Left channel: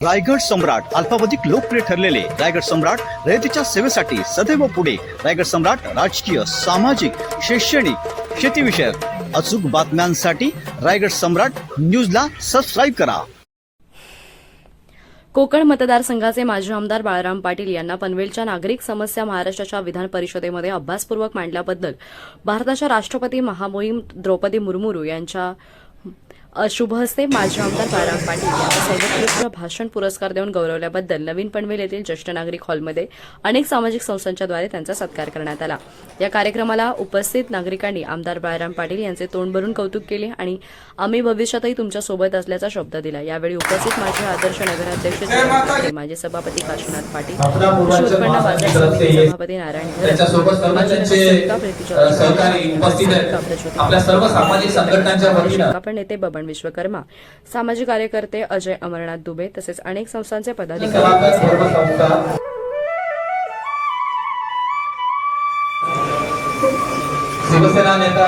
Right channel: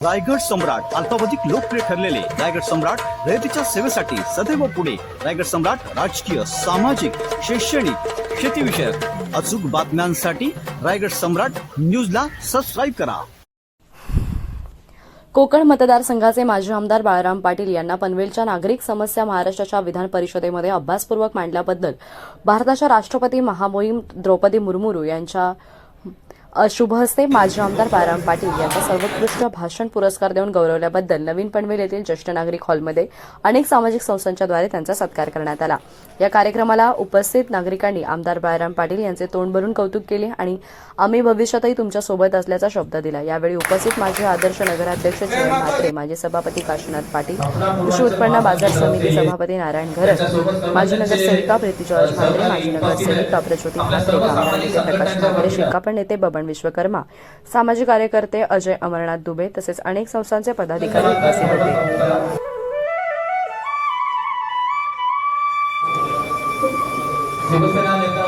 रायगड सम्राट अल्पावधीत लोकप्रिय ठरलेले रायगड सम्राट रयतेच्या सेवेसाठी सदैव पुढे. रायगड सम्राट राजकीय, सामाजिक, शैक्षणिक, शेतीविषयक अचूक बातम्यांसाठी रायगड सम्राट न्यूजला सबस्क्राईब करा. कोकण मतदारसंघाचे माजी आमदार बाळाराम पाटील यांना पनवेलच्या नागरिक समस्या महाराष्ट्राच्या विधान परिषदेमध्ये अभ्यासपूर्वक मांडल्याबद्दल भारताच्या राष्ट्रपती महामहिम द्रौपदी मुर्मू यांच्या शुभ हस्ते माजी आमदार बाळाराम पाटील यांचा सर्वोत्कृष्ट भाषण पुरस्कार देऊन गौरवल्याबद्दल नवीन पनवेल येथील ज्येष्ठ नागरिक हॉलमध्ये अनेक सामाजिक संस्थांच्याद्वारे त्यांचा सत्कार करण्यात आला. या कार्यक्रमाला उपस्थित नागरिकांनी आमदार बाळाराम पाटील यांचे तोंड भरून कौतुक केले आणि आम्ही भविष्यातही तुमच्या सोबत असल्याचा शब्द दिला. यावेळी उपस्थित माजी आदर्श नगराध्यक्ष जयंत म्हात्रे, माजी सभापती काशीनाथ पाटील, कृषी उत्पन्न बाजार समिती सभापती नारायण घरत, माजी नगरसेविका प्रीती जॉर्ज मांढरे, माजी नगरसेविका प्रज्योती प्रकाश शेकापण नेते बबन विश्वकर्मा, सामाजिक कार्यकर्ते अजय अमरनाथ दुबे तसेच अनेक संस्थांचे पदाधिकारी उपस्थित होते. शिवसेना नेता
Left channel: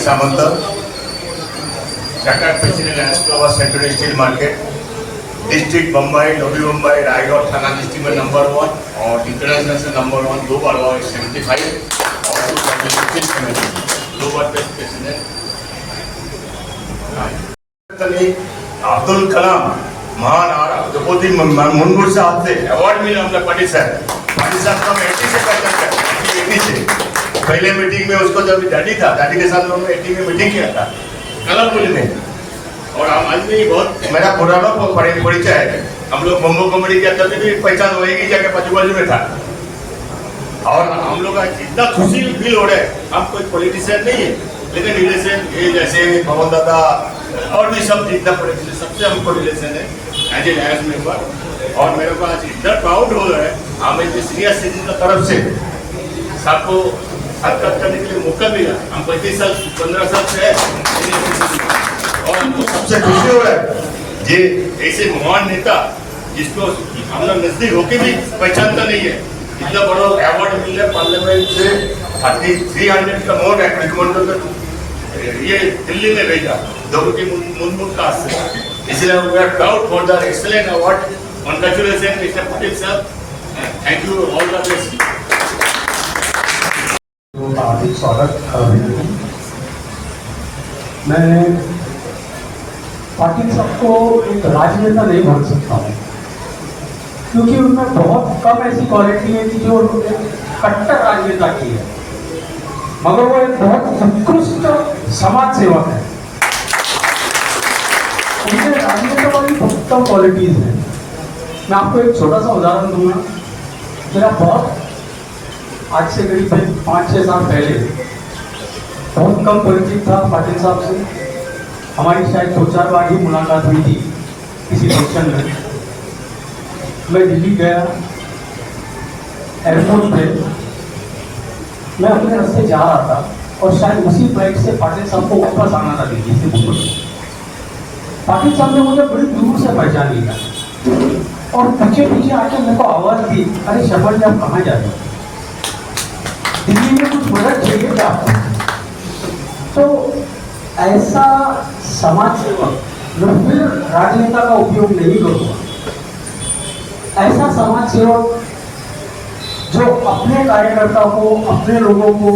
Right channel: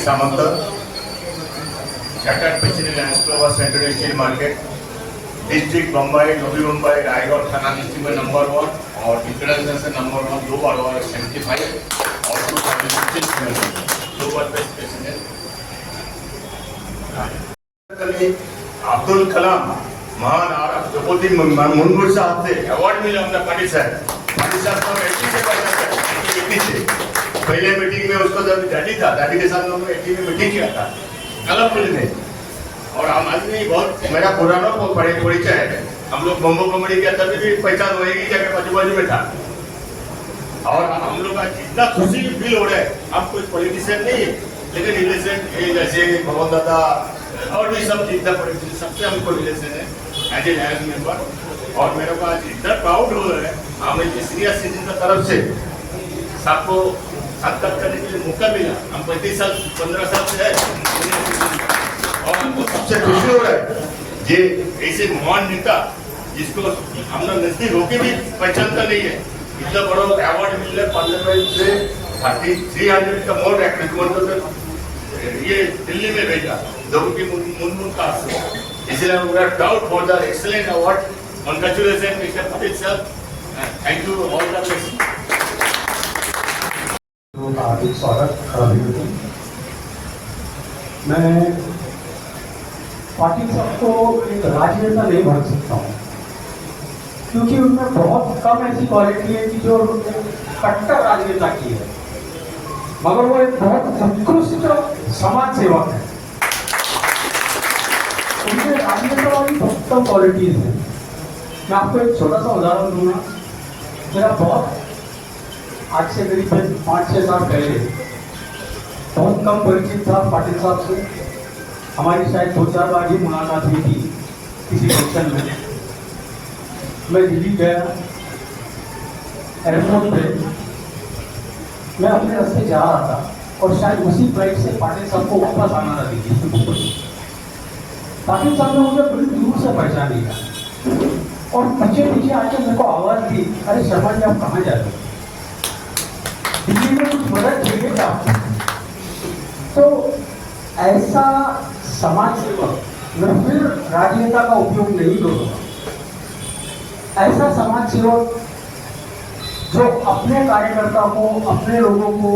सामंत, चार्टर्ड प्रेसिडेंट एस्क्लोवा central steel market, district Bombay, Navi Mumbai, Raigad Thana district में नंबर 1 और इंटरनेशनल से नंबर 1 2 बार 75 और 2 बार प्रेसिडेंट. अब्दुल कलाम महान और द्रौपदी मुर्मू से हाथ से अवार्ड मिला हमने पाटिल साहब का 80 से पहले मीटिंग में उसको जब डैडी था, डैडी के साथ लोगों ने 80 में मीटिंग किया था कलमपुरी में. और हम आदमी बहुत मेरा पुराना परिचय है. हम लोग मोमो कॉमेडी किया तभी भी पहचान होएगी जाके बाजू बाजू में था. और हम लोग का इतना खुशी फील हो रहा है. हम कोई पॉलिटिशियन नहीं है लेकिन रिलेशन ये जैसे पवन दादा और भी सब जितना पॉलिटिशियन सबसे हमको रिलेशन है एज ए मेंबर. और मेरे को आज इतना प्राउड हो रहा है हमें सीनियर सिटीजन की तरफ से सबको सत्कार करने के लिए मौका मिला. हम 35 साल 15 साल से है और हमको सबसे खुशी हो रहा है ये ऐसे महान नेता जिसको हम लोग नजदीक होके भी पहचानता नहीं है. इतना बड़ा अवार्ड मिल रहा है पार्लियामेंट से 300 का मोर रिकमेंड ये दिल्ली में भेजा द्रौपदी मुर्मू का से. इसलिए we are proud for the excellent award. Congratulation mister Patil साहब. Thank you all the best. हार्दिक स्वागत. मैं पाटिल साहब को एक राजनेता नहीं बोल सकता हूँ क्योंकि उनमें बहुत कम ऐसी क्वालिटी है कि जो कट्टर राजनेता की है, मगर वो एक बहुत उत्कृष्ट समाज सेवक है. उनमें राजनेता वाली बहुत कम क्वालिटीज है. मैं आपको एक छोटा सा उदाहरण दूंगा. मेरा बहुत आज से करीब 5-6 साल पहले बहुत कम परिचित था पाटिल साहब से. हमारी शायद 2-4 बार ही मुलाकात हुई थी किसी फंक्शन में. मैं दिल्ली गया, एयरपोर्ट पे मैं अपने रास्ते जा रहा था और शायद उसी फ्लाइट से पाटिल साहब को वापस आना था दिल्ली से मुंबई. पाटिल साहब ने मुझे बड़ी दूर से पहचान लिया और पीछे पीछे आके मेरे को आवाज दी, अरे शर्मा जी आप कहाँ जा रहे हो, दिल्ली में कुछ मदद चाहिए क्या आपको. तो ऐसा समाज सेवक मैं फिर राजनेता का उपयोग नहीं करूँगा. ऐसा समाज सेवक जो अपने कार्यकर्ता को, अपने लोगों को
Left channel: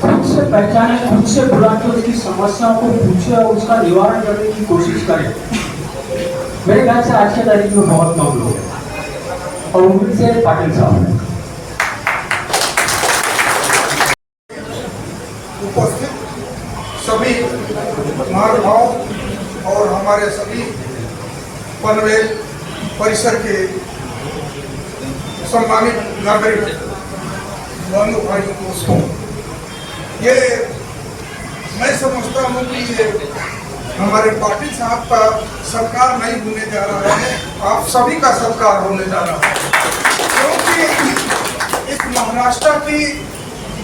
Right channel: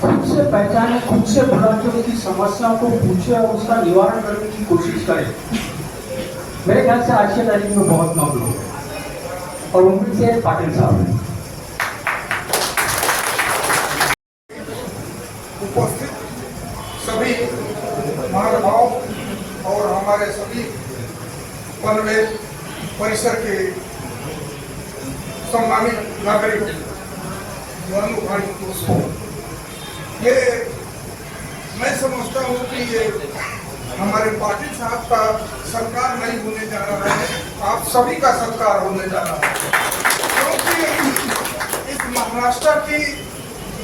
खुद से पहचाने, खुद से बुला के उसकी समस्याओं को पूछे और उसका निवारण करने की कोशिश करे. मेरे ख्याल से आज के तारीख में बहुत कम लोग हैं और उनमें से पाटिल साहब हैं. उपस्थित सभी महानुभाव और हमारे सभी पनवेल परिसर के सम्मानित नागरिक बंधु भाइयों दोस्तों, ये मैं समझता हूँ कि ये हमारे पाटिल साहब का सरकार नहीं होने जा रहा है, आप सभी का सरकार होने जा रहा है, क्योंकि इस महाराष्ट्र की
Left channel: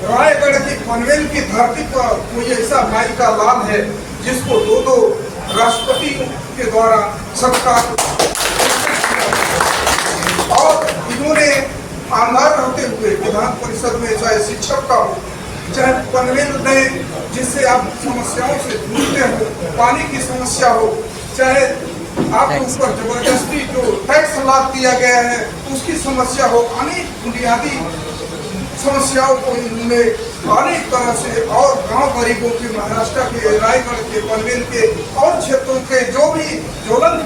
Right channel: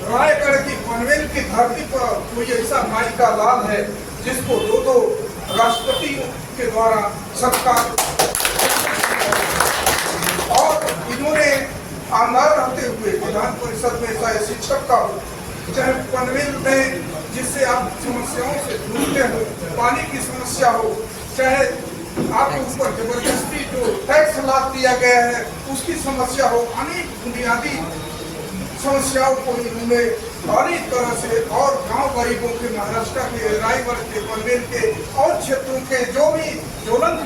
रायगढ़ की पनवेल की धरती पर कोई ऐसा माई का लाल है जिसको दो राष्ट्रपति के द्वारा सत्कार, और इन्होंने आमदार रहते हुए विधान परिषद में चाहे शिक्षक का हो, चाहे पनवेल में जिससे आप समस्याओं से जूझते हो, पानी की समस्या हो, चाहे आपके ऊपर जबरदस्ती जो टैक्स लाद दिया गया है उसकी समस्या हो, अनेक बुनियादी समस्याओं को इन्होंने अनेक तरह से और गांव गरीबों के महाराष्ट्र के रायगढ़ के पनवेल के और क्षेत्रों के जो भी ज्वलंत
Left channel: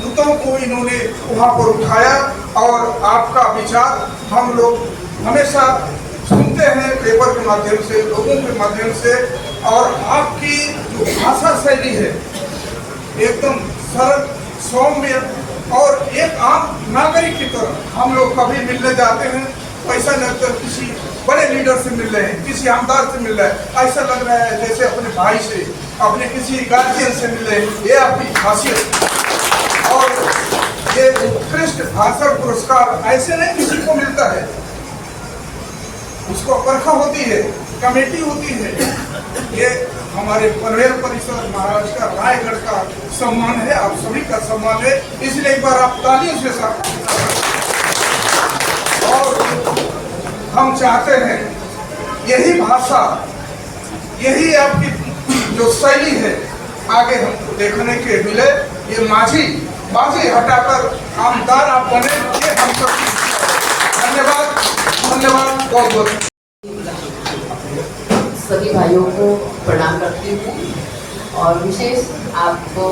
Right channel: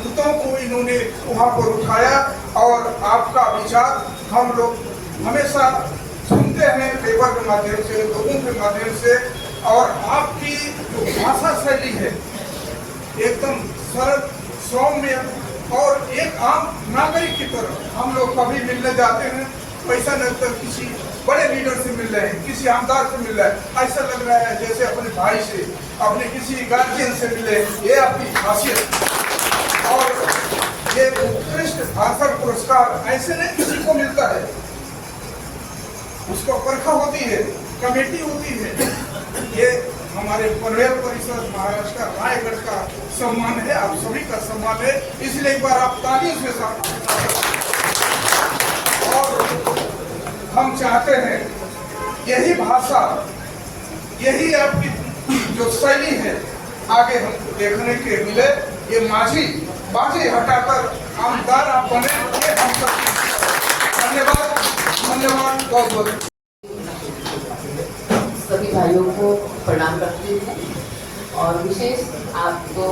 मुद्दों को इन्होंने वहां पर उठाया, और आपका विचार हम लोग हमेशा सुनते हैं पेपर के माध्यम से, लोगों के माध्यम से, और आपकी जो भाषा शैली है एकदम सरल सौम्य और एक आम नागरिक की तरह हम लोग कभी मिलने जाते हैं, ऐसा लगता है किसी बड़े लीडर से मिल रहे हैं, किसी आमदार से मिल रहे हैं, ऐसा लग रहा है जैसे अपने भाई से, अपने किसी गार्जियन से मिल रहे हैं। ये आपकी खासियत, और ये उत्कृष्ट भाषण पुरस्कार ऐसे नहीं किसी को मिलता है, उसको परखा होती है, कमेटी होती है। ये हमारे पनवेल परिसर महाराष्ट्र रायगढ़ का सम्मान है, आप सभी का सम्मान है, इसलिए एक बार आप तालियों से साथ। और हम चाहते हैं यही भाषा, यही आपकी जो शैली है आगे हमको देखने के मिले। ये बाजी हटाकर आमदार आप बने, ये हम सब। धन्यवाद, धन्यवाद, बहुत बहुत। सभी भाइयों को प्रणाम करती हूँ, और विशेष आपको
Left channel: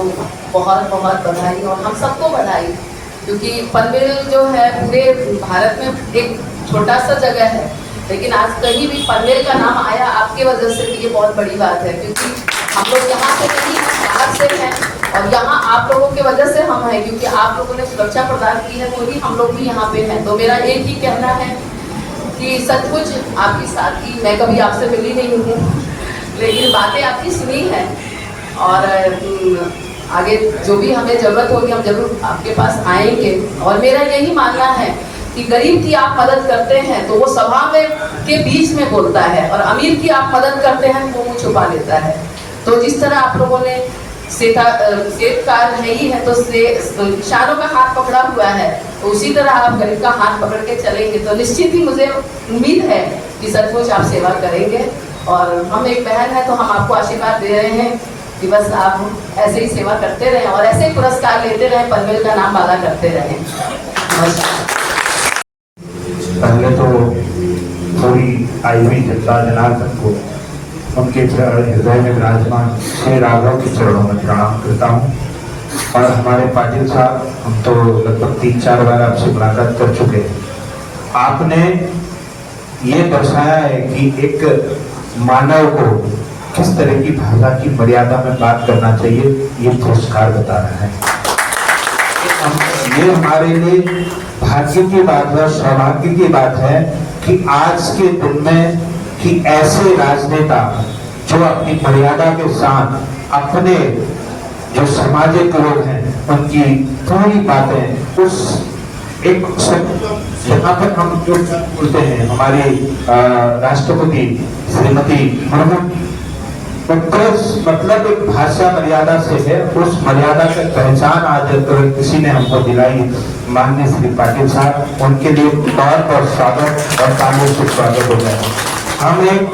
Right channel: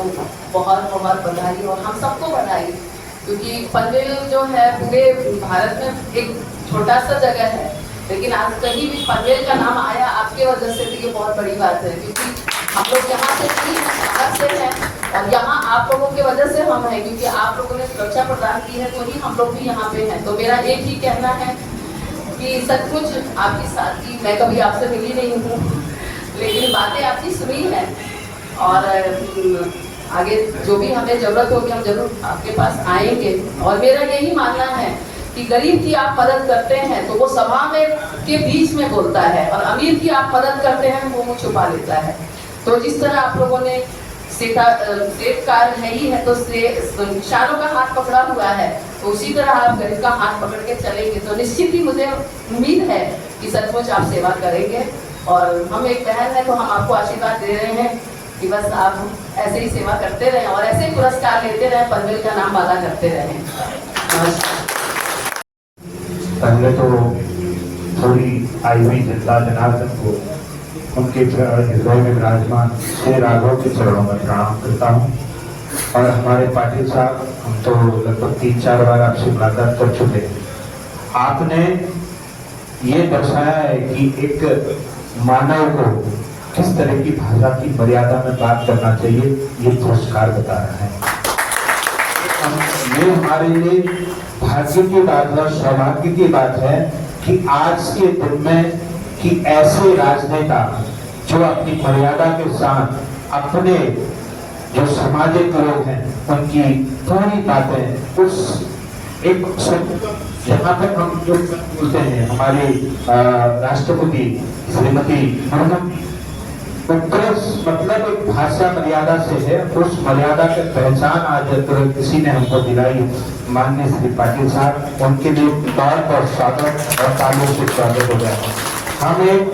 बहुत बहुत बधाई, और हम सबको बधाई, क्योंकि पनवेल जो है पूरे भारत में एक छोटा सा जगह है, लेकिन आज कहीं भी पनवेल का नाम आया आपके वजह से, तो ये बहुत बड़ी बात है, क्योंकि हम लोग यहाँ से कहीं बाहर से हैं और यहाँ आप लोगों की वजह से हम हैं, क्योंकि आप लोगों ने सुरक्षा प्रदान की है, तो भी हम लोग भी यहाँ पे हैं। तो मेरा एक ही कहना है कि सचमुच आपकी साथी, मैं कभी आपसे मिली नहीं हूँ, लेकिन बातें आपकी सुनी हैं, और आगे जो भी हमें ज़रूरत होगी हम जरूर आपके पास आएंगे। और मेरा यही मानना है कि गरीब की आप मदद करते हैं तो वो सभा में के बीच में बोलता है, और अमीर की आप मदद करते हैं तो वो छुपा लेता है। तो जिस तरह आप लोगों ने सेठकार है ही है, तो किसानों का हाथ पकड़ा हुआ है, तो उसी तरह आप गरीब का हाथ पकड़ के चलेंगे तो निश्चित ही मुझे उम्मीद है कि सचमुच आप सेवा करेंगे। और हम एक बहन है तो हम आपको आशीर्वाद दे रहे हैं कि बस आप ऐसे ही सेवा करते रहें और ऐसे ही पुरस्कार लेते रहें, पनवेल का नाम माला करते रहें। नमस्कार। पहले तो थोड़ी आई हुई जनता जनार्दन को उनके हृदय में विराजमान श्री राघव के चरणों में प्रणाम करता हूँ। और हमारे पाटिल साहब, हम तो लगभग 3-4 बार आपसे मुलाकात कर चुके हैं। आपने ये दर्शाया है कि एक मानव को किस तरह की भाषा की मर्यादा में बात करना चाहिए, ये पुरस्कार बता रहा है। ये हमारे लिए भाग्य की बात है, सौभाग्य की बात है कि आज के दिन में कि ऐसे राजनेता जो अपनी मर्यादा के साथ अपने जो सामाजिक लोग हैं उनकी पूरी बातें उस एक यहाँ पर हम जो बोलते हैं हमारी राष्ट्रपति श्रीमती मुर्मू, मतलब एक भाषा मर्यादा से है, उस मर्यादा की पहचान आज किसी ने हमको दिलाई, माननीय श्री पाटिल साहब, उनके लिए बहुत बहुत स्वागत और तालियों से स्वागत हो गया। हम एक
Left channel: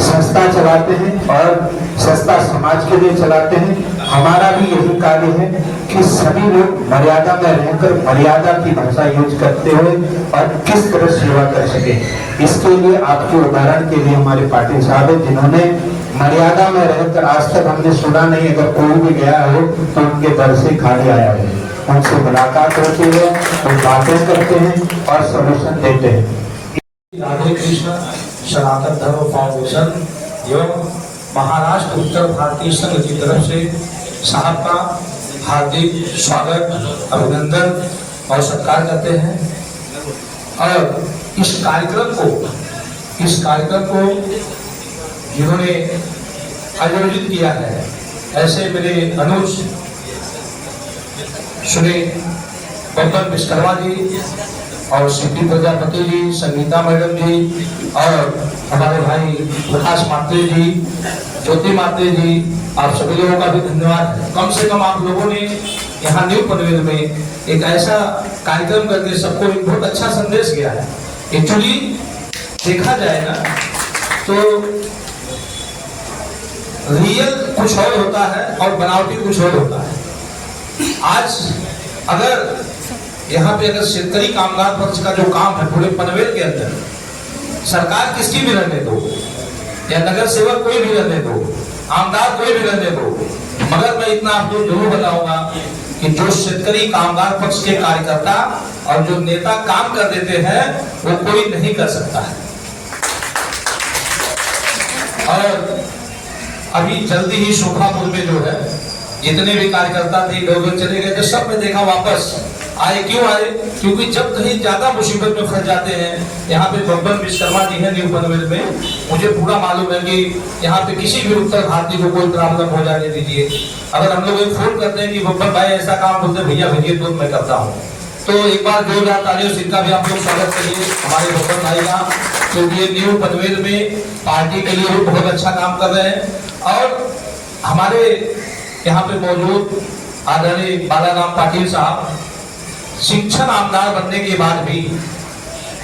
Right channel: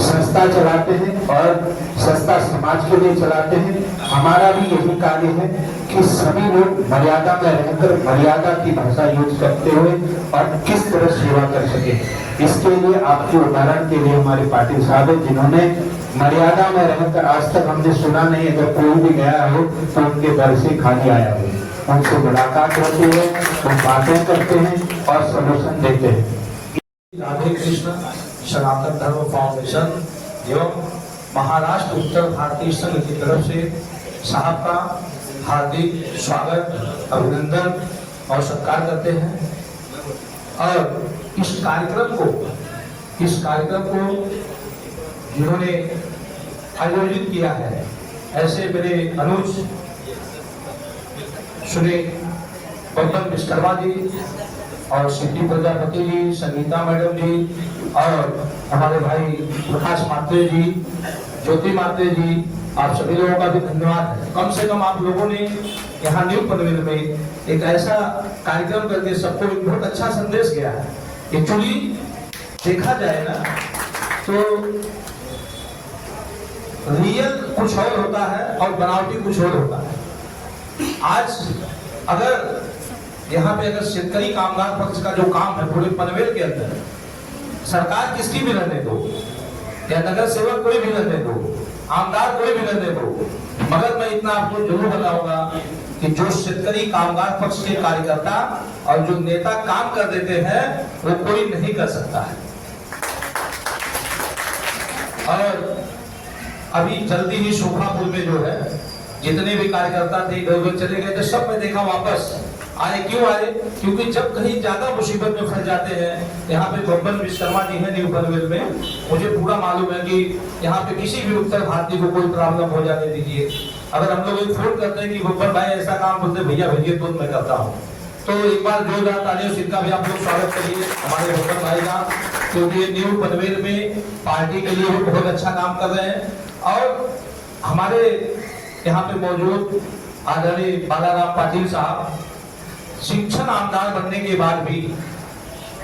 संस्था चलाते हैं और संस्था समाज के लिए चलाते हैं। हमारा भी यही कार्य है कि सभी लोग मर्यादा में रहकर मर्यादा की भाषा यूज करते हुए और किस तरह सेवा कर सके। इसके लिए आपके उदाहरण के लिए हमारे पाटिल साहब है, जिन्होंने मर्यादा में रहकर आज तक हमने सुना नहीं, अगर कोई भी गया हो तो उनके घर से खाली आया है, उनसे मुलाकात होती है, वो बातें करते हैं और सॉल्यूशन देते हैं। राधे कृष्ण सनातन धर्म फाउंडेशन एवं महाराष्ट्र उत्तर भारतीय संघ की तरफ से साहब का हार्दिक स्वागत, अभिनंदन और सत्कार करते हैं। और इस कार्यक्रम को जिन्होंने आयोजित किया है, ऐसे मेरे अनुज श्री बब्बन विश्वकर्मा जी और सीपी प्रजापति जी, संगीता मैडम जी और हमारे भाई प्रकाश मात्रे जी, ज्योति मात्रे जी, आप सभी लोगों का भी धन्यवाद है। कम से कम आप लोगों ने यहाँ न्यू पनवेल में एक ऐसा कार्यक्रम करके सबको एक बहुत अच्छा संदेश गया है। एक्चुअली देखा जाए ना तो रियल कुछ और होता है और बनावटी कुछ और होता है। आज अगर यहाँ पे अगर शेतकरी कामगार पक्ष का जो काम है पूरे पनवेल के अंदर, सरकार किसकी भी रहने दो या नगर सेवक कोई भी रहने दो, आमदार कोई भी रहने दो, मगर मैं इतना आपको जरूर बताऊंगा कि जो शेतकरी कामगार पक्ष के कार्यकर्ता और जो नेता काम कर देते हैं वो कोई नहीं कर सकता है। और अभी जल्दी ही शोभापुर में जो है जितने भी कार्यकर्ता थे गौरव चले गए, जो सब में देखा वापस आए। क्यों आए? क्योंकि जब कहीं ज्यादा मुसीबत में फंस जाते हैं, यहाँ पे बब्बन विश्वकर्मा जी हैं न्यू पनवेल में, मुझे पूरा मालूम है कि यहाँ पे किसी भी उत्तर भारतीय को कोई प्रॉब्लम हो जाने दीजिए। अगर हम लोग एक फोन करते हैं कि बब्बन भाई ऐसा काम, बोलते भैया भेजिए तो मैं करता हूँ। तो एक बार 2000 तालियों से इनका भी आप लोग स्वागत करिए हमारे बब्बन भाई का, क्योंकि न्यू पनवेल में पार्टी के लिए बहुत अच्छा काम कर रहे हैं। और हमारे यहाँ पे मौजूद आदरणीय बालाराम पाटिल साहब शिक्षण आमदार बनने के बाद भी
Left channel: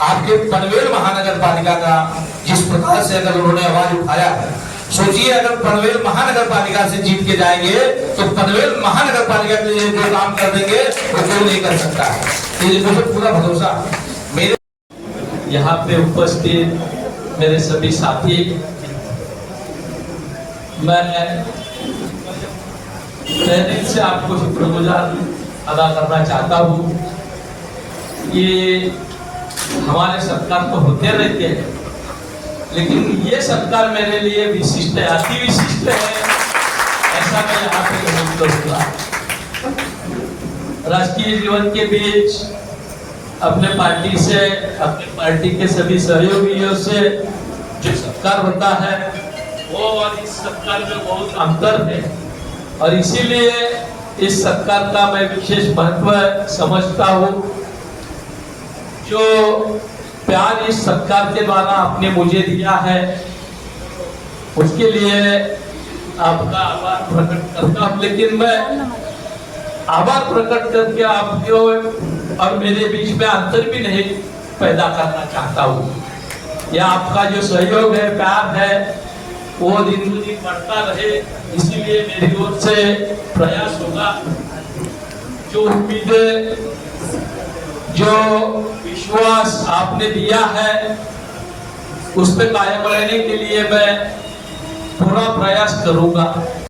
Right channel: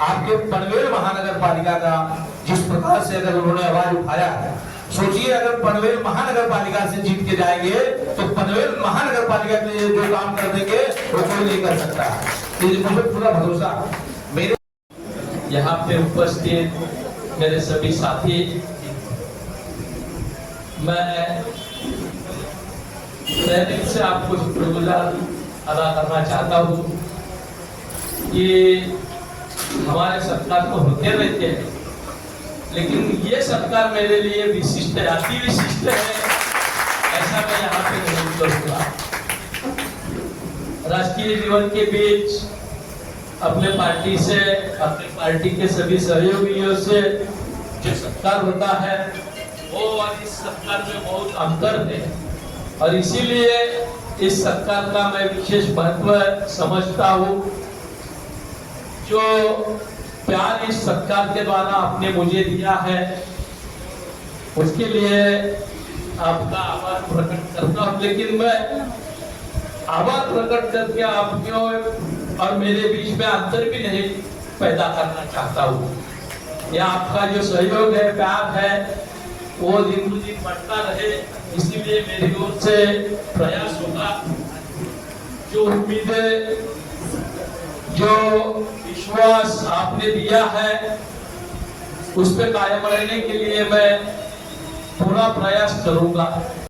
आपके पनवेल महानगर पालिका का जिस प्रकार से अगर उन्होंने आवाज उठाया है, सोचिए अगर पनवेल महानगर पालिका से जीत के जाएंगे तो पनवेल महानगर पालिका के लिए जो काम कर देंगे वो कोई नहीं कर सकता है। ये मुझे पूरा भरोसा है। मेरे यहाँ पे उपस्थित मेरे सभी साथी, मैं पहले से आपको शुक्रगुजार अदा करना चाहता हूँ। ये हमारे सत्कार तो होते रहते हैं, लेकिन ये सत्कार मेरे लिए विशिष्ट है, अति विशिष्ट है, ऐसा मैं यहाँ पे महसूस करूँगा। राजकीय जीवन के बीच अपने पार्टी से, अपने पार्टी के सभी सहयोगियों से जो सत्कार होता है वो और इस सत्कार में बहुत अंतर है, और इसीलिए इस सत्कार का मैं विशेष महत्व समझता हूँ। जो प्यार इस सत्कार के द्वारा आपने मुझे दिया है उसके लिए आपका आभार प्रकट करता हूँ। लेकिन मैं आभार प्रकट करके आपके और मेरे बीच में अंतर भी नहीं पैदा करना चाहता हूँ। यह आपका जो सहयोग है, प्यार है, वो दिन ब दिन बढ़ता रहे, इसीलिए मेरी ओर से प्रयास होगा। जो उम्मीदें, जो विश्वास आपने दिया है उस पे कायम रहने के लिए मैं पूरा प्रयास करूंगा।